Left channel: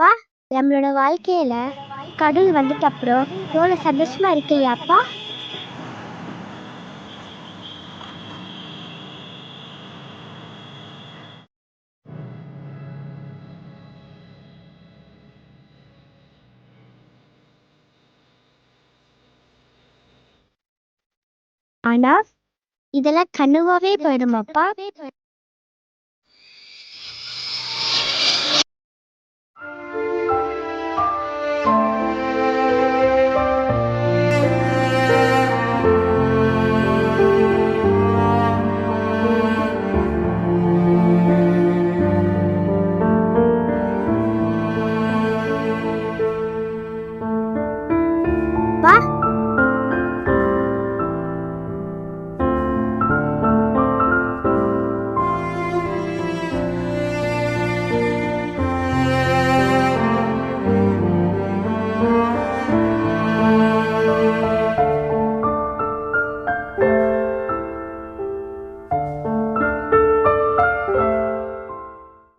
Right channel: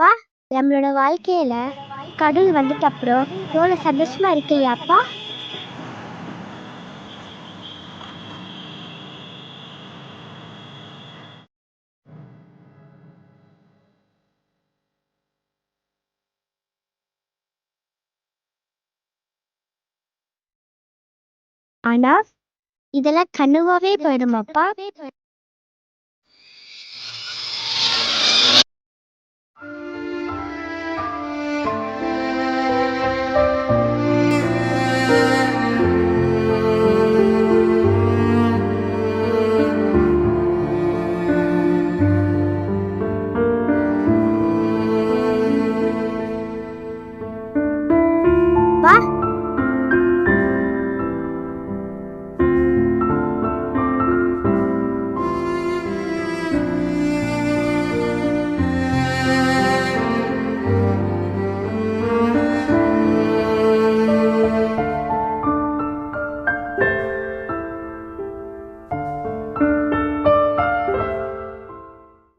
அப்பா, நம்மளோட வாழ்க்கையில கடவுள் வந்துட்ட அப்புறம் எவ்வளோ சந்தோஷமா இருக்கு இல்லையாப்பா? ஆனா இதெல்லாம் கனவாவே போயிடுமாப்பா? வா.